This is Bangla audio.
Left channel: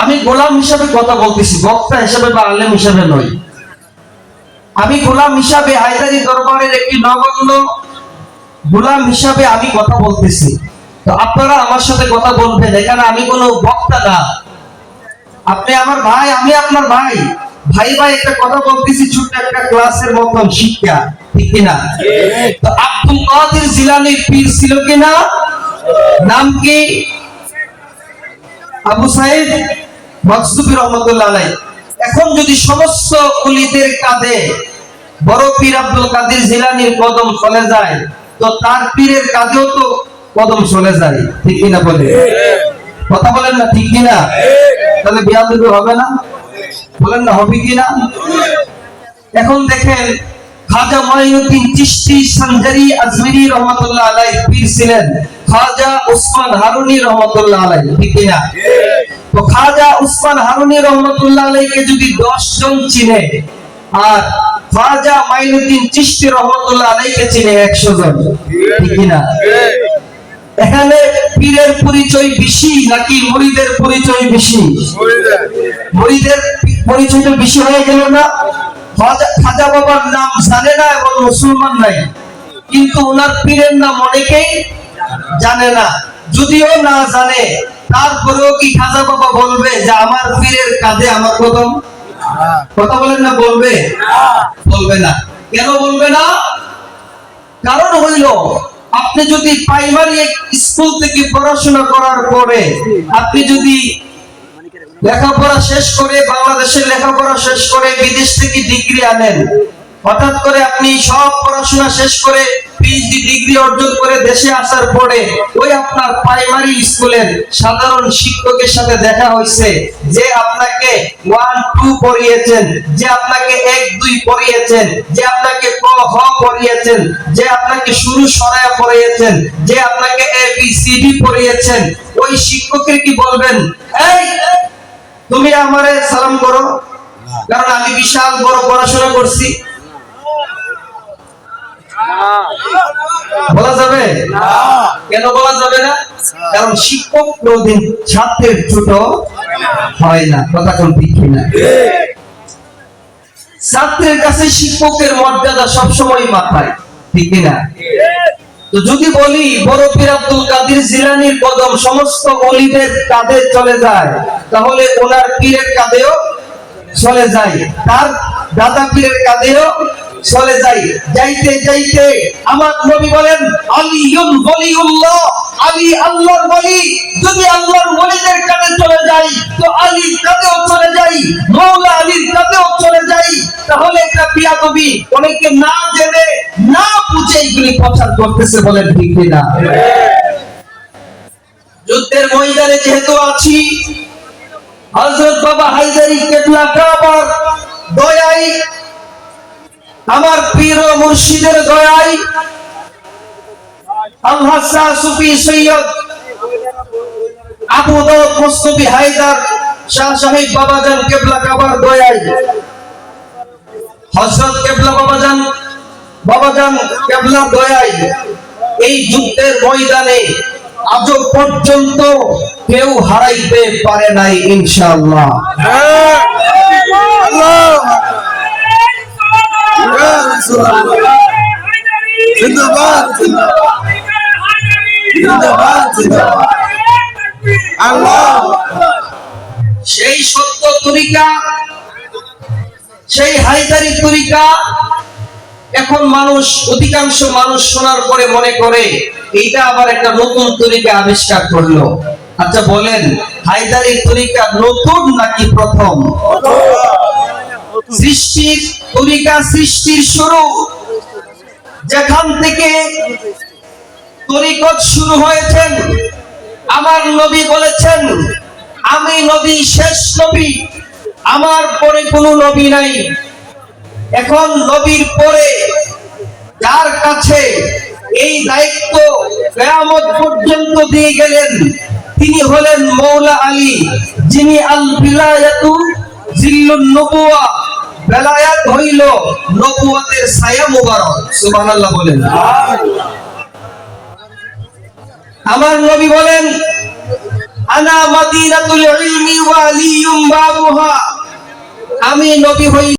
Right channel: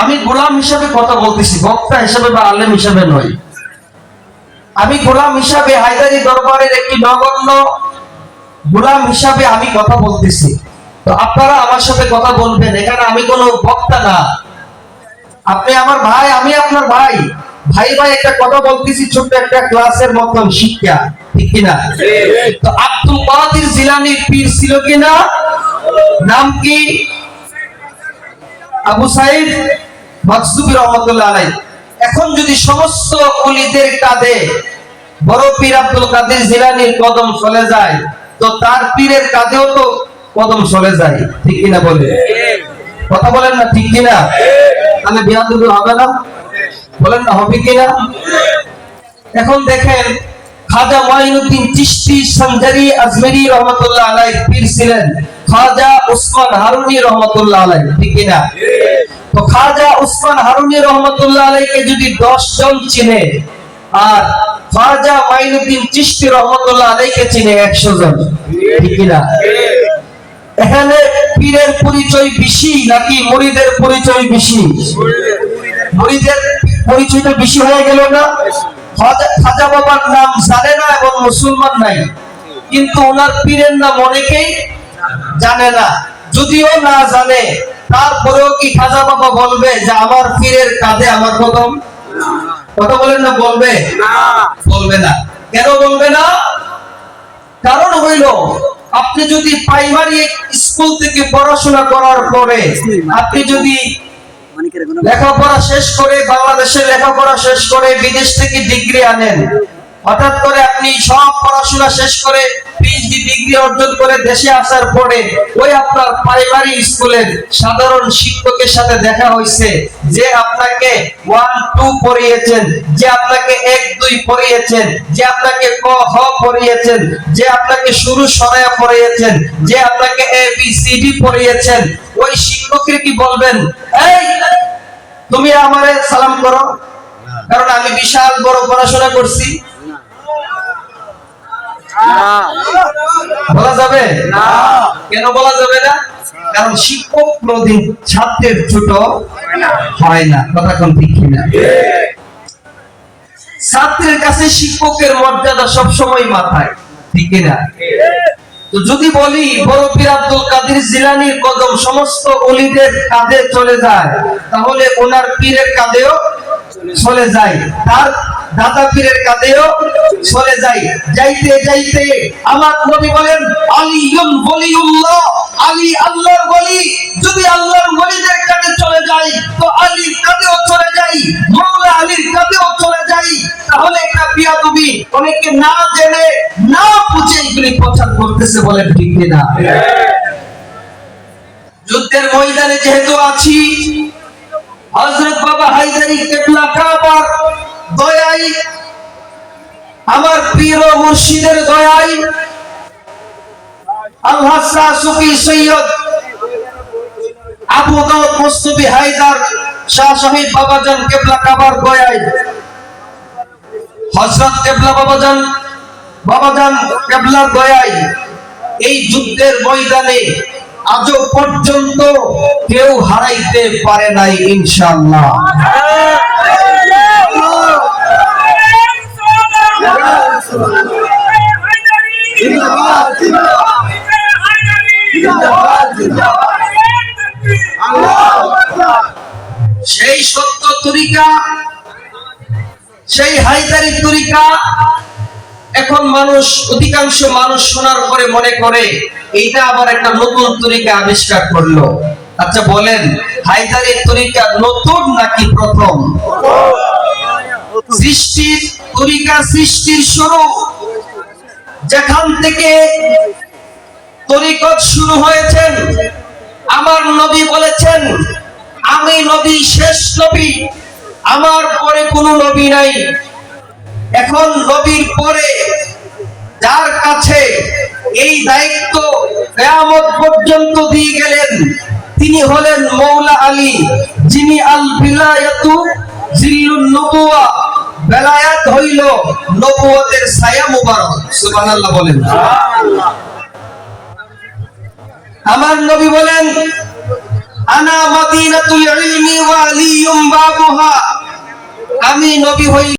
আমি গোলাম হিসাবে কথা বলতেছি, বক্তা হিসাবে বা আলেম হিসাবে নই। আমি গোলাম হিসাবে, হায়দারি দরবারের একটি নগণ্য গোলাম হিসাবে আমি কথা বলতেছি। তো আপনারা আমার সাথে কথা বলবেন, এখানে আমি কোনো বক্তা না। আপনি আমার ভাই, আমি আপনার ভাই। ভাই ভাই একটা কথা বলতেছি, ছোট্ট একটা ক্লাসের মতন শিক্ষা, ঠিক কিনা? তো আব্দুল কাদের জিলানীর পীর ছিল কিনা? নাম কি? আবু সাইদ মাকজুবী রহমাতুল্লাহ আলাইহি। এখন যদি সমস্ত ওলিদের কাঁধে বড় পীর আব্দুল কাদের জিলানীর কদম চলে যায়, তো তার পীরের কাঁধেও তো কদম চলে যায়, ঠিক কিনা বলে? কথা বলেন না, ঠিক কিনা? তাহলে বিয়াদবি হবে না? বলেন না, হবে কিনা? এখন দেখেন, খাজা মঈনুদ্দিন চিশতি সঞ্জারি আজমেরি রহমাতুল্লাহ আলাইহি পীর ছিলেন খাজা উসমান হারুনি রহমাতুল্লাহ আলাইহি, ঠিক কিনা? তো খাজা উসমান হারুনি রহমাতুল্লাহ আলাইহিকে যদি 10 জন চিনে, আর খাজা মঈনুদ্দিন চিশতি রহমাতুল্লাহ আলাইহিকে চিনে 100 জন, ঠিক কিনা? এখানে পীরের পরিচয় বেশি নাকি মুরিদের পরিচয় বেশি? মুরিদের পরিচয়টা বেশি হয়ে গেল না? খাজা বাবার নাম জানে না এবং মুসলমান নাই, কিন্তু ওনার পীরের নাম অনেকেই জানে না। যদিও না জানে, তারপরেও কি খাজা বাবা বলবে যে আমার পীরের কাঁধে আমার কদম? কথা বলেন না, বলবে? বলবে না। কেন বলবে না? কারণ হইল, আপনি যদি প্রাইমারি স্কুল থেকে পড়াশোনা করার পরে আপনি যদি লেখাপড়া শেষ করে, বাংলাদেশের লেখাপড়া শেষ করে বিদেশ থেকে ডিগ্রি আনেন, হঠাৎ করে আপনি সব পড়াশোনা শেষ করে পিএইচডি ডিগ্রি অর্জন করে দেশে আসার পরে ওই আপনার প্রাইমারি স্কুলের সাধারণ শিক্ষকের সাথে দেখা হয়েছে, যে আপনাকে 1 2 পড়িয়েছেন, যে আপনাকে 1 2 পড়িয়েছেন, যে আপনাকে ক খ পড়িয়েছেন, যে আপনাকে শুরু সরায়া পড়িয়েছেন, যে আপনাকে ABCD পড়িয়েছেন, ওই শিক্ষকের কি বলবেন, এই তুমি আমারে সালাম করো কারণ আমি বিশাল বড় পড়াশোনা করছি? বলা যাবে না। কেন বলা যাবে না? কারণ শিক্ষক কোনদিন ছাত্রের ছোট হয় না। কথা কোন ঠিক কিনা? ছাত্রের কাছে শিক্ষকের মর্যাদা সবসময় মাথায়, ঠিক কিনা? তো যদি বলি বড় পীর আব্দুল কাদের জিলানীর কদম সমস্ত ওলিদের কাঁধে চলে যায়, তাহলে ওনার পীরের কাঁধেও চলে যায়, তার দাদা পীরের কাঁধেও চলে যায়। যাইতে যাইতে আমার নবী বলেন, আলিয়ুল ওলিউল্লাহ, আলী আল্লাহর ওলি। যদি আল্লাহর ওলিদের কাঁধে চলে যায়, তো আলীর কাঁধেও চলে যায়, মাওলা আলীর কাঁধেও চলে যায়। তাহলে একটা বিয়াদবি, অনেকে না জেনে না বুঝে এগুলি প্রচার করতেছে, বলেন ঠিক কিনা? যুদ্ধের ময়দানে যেহেতু আছি, হযরত বাবা হায়দারি কেবলা কাবার দয়াই, আমার পীর ও মুর্শিদের দয়াই, আল-হাসা সুফি সৈয়দ আবু দাউদ মুস্তাফি হায়দার শাহ সাহেব বাবাজান কেবলা কাবার দয়াই, হযরত কেবলা বাবাজান কেবলা দয়াই, এই যুদ্ধের ময়দানে আজও পর্যন্ত কেউ হারাইতে পারে নাই, ইনশাআল্লাহ। সেই সত্য তরিকা, সেই হায়দারি তরিকা এখন অধিকাংশ মানুষ শোনার পরে মনে করে এইটা আবার একটা নতুন তরিকা আবিষ্কার করলো। আচ্ছা বলেন, হায়দারি তরিকা নতুন নাকি প্রথম? সৃষ্টির তরিকা, সৃষ্টির শুরু যেখান থেকে তরিকত শুরু হয়েছেন, আমার নবী বলেছেন, আমি নবী শেষ নবী, আমার পরে কোনো নবী নাই। এখন নবীর পরে যার কাছে এই দায়িত্ব কিয়ামত পর্যন্ত দিয়ে গেলেন, তিনি হলেন মাওলা আলী, যিনি আল বিলায়াতু জিল্লুন নবুওয়া, বেলায়াত হইল নবুয়তের ছায়া মুবারক। সুবহানাল্লাহ বলেন। আমার নবী বলেন, আনা মাদিনাতুল ইলমি ওয়া আলী তিনি নবী হইলেন